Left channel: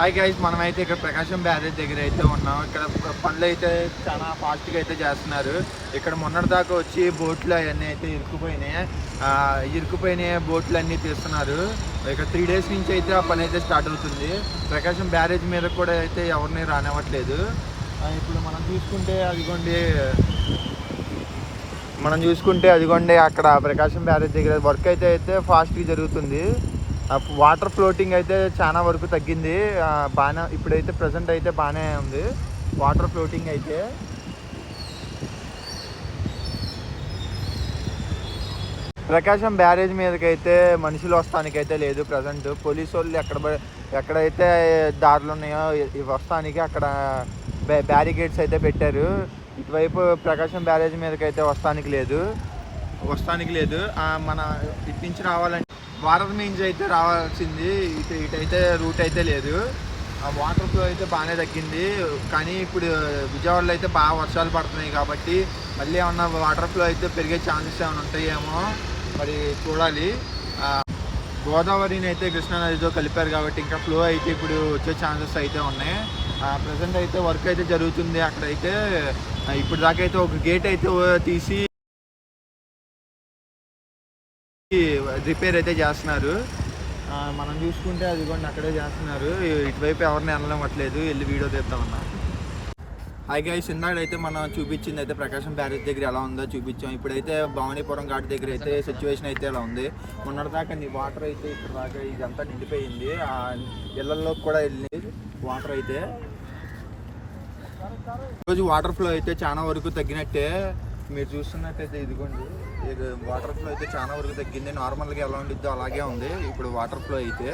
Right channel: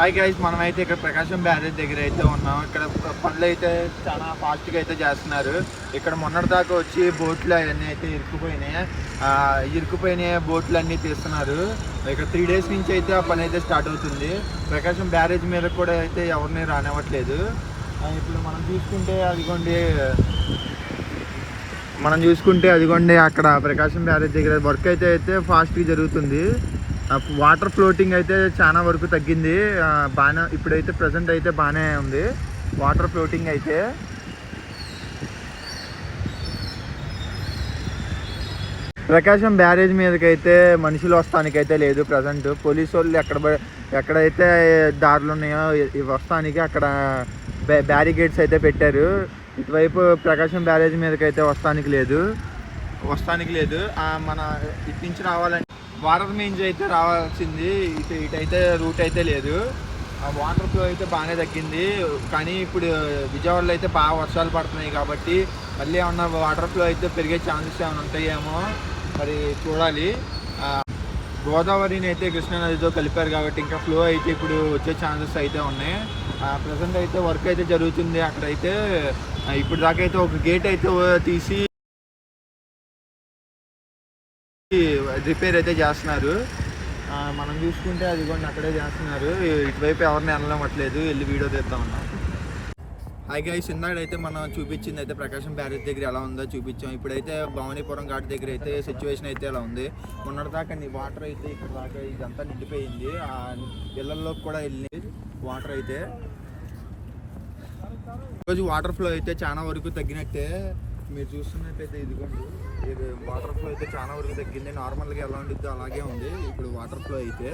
Hi guys, మనమైతే ఇక్కడ ప్రకాశం barrage దగ్గర అయితే ఉన్నాం. ఇక్కడ పనులు అయితే చాలా ఫాస్ట్గా అయితే చేస్తున్నారు. ఇక్కడ మొన్నటిదాకా వచ్చి బోట్లు అవన్నీ అయితే ఇరుక్కుపోయినాయి బోట్లు అన్నీ తీస్తున్నారు. ఇక్కడ 3 days నుంచి అయితే ఆ పని అయితే స్టార్ట్ అవుతుంది. ప్రకాశం బ్యారేజ్ మీద కూడా అయితే ఎవరిని రానివ్వట్లేదు. ఇప్పుడు మనం చూసుకుంటే అదిగోండి అక్కడ ప్రకాశం బ్యారేజ్ దగ్గర వర్క్ అయితే ఫాస్ట్గా జరుగుతుంది. వాటర్ ఫ్లోటింగ్ అయితే చాలా వరకు తగ్గింది. బాగా ఇప్పుడైతే ప్రజెంట్ అయితే బాగానే ఉంది వాటర్ ఫ్లోటింగ్ అయితే. ప్రకాశం బ్యారేజ్ మీదకైతే మనుషులు వస్తానికైతే లేదు ప్రజెంట్. పోలీసు వాళ్ళు ఎక్కడైతే దారులు ఉన్నాయో వస్తానికి అక్కడ బ్యారికేడ్స్ అయితే పెట్టారు. ఇటువైపు ప్రకాశం బ్యారేజ్ మీదకైతే వస్తానికి లేదు. మన ఇటు నుంచి రావాలంటే వాటర్ మీన్స్ అయితే రావాల్సింది. ఇటైతే రూట్ అయితే లేదు. వాటర్ ఫ్లో అయితే బాగానే తగ్గింది. కానీ ఇప్పుడు విజయవాడలో అయితే బాగా వర్షాలు పడుతున్నాయి కాబట్టి మళ్ళీ ఏమన్నా వాటర్ ఫ్లో అయితే పెరిగే ఛాన్సెస్ ఏమైనా ఉంటాయేమో మరి చూడాలి. గోదావరిని అయితే కృష్ణానదితో కలిపారు కాబట్టి ఇంకా ఫ్లో అయితే ఇప్పుడు వచ్చే ఛాన్సెస్ అయితే ఉన్నాయి. ప్రజెంట్ అయితే వర్క్ అయితే జరుగుతుంది. అక్కడైతే ఇప్పుడు దాకా అయితే ఒక గేట్ అయితే తీసి రిపేర్ అయితే చేస్తున్నారు. మనం చూసుకుంటే అదిగోండి అక్కడే చేస్తున్నారు. ఇటువైపు ఎవరిని వెళ్ళనివ్వట్లేదు. వెళ్ళి వీడియో తీద్దామన్నాం. హాయ్ గైస్, ఇందాకైతే మనం చూపించింది అయితే ప్రకాశం బ్యారేజ్ దగ్గర ఎలా ఉందో చూపించాం. ఇప్పుడైతే భవానీపురం ఘాట్ దగ్గర అయితే సిచ్యువేషన్ అయితే ఎలా ఉంది. మొన్నటిదాకా వాటర్ అయితే ఇప్పుడు దాకా ఇదంతా నిండిపోయింది. ఇళ్లలో కూడా వెళ్ళింది వాటర్ అయితే. ఈరోజు వాటర్ ఫ్లో అయితే చాలా వరకు తగ్గినట్టే. మీరు చూస్తున్నట్టయితే ఇదిగోండి వాటర్ ఫ్లో అయితే చాలా వరకు తగ్గింది. నార్మల్గా ఎలా ఉండిద్దో అలాగే ఉంది ఇప్పుడు వాటర్ ఫ్లో అయితే.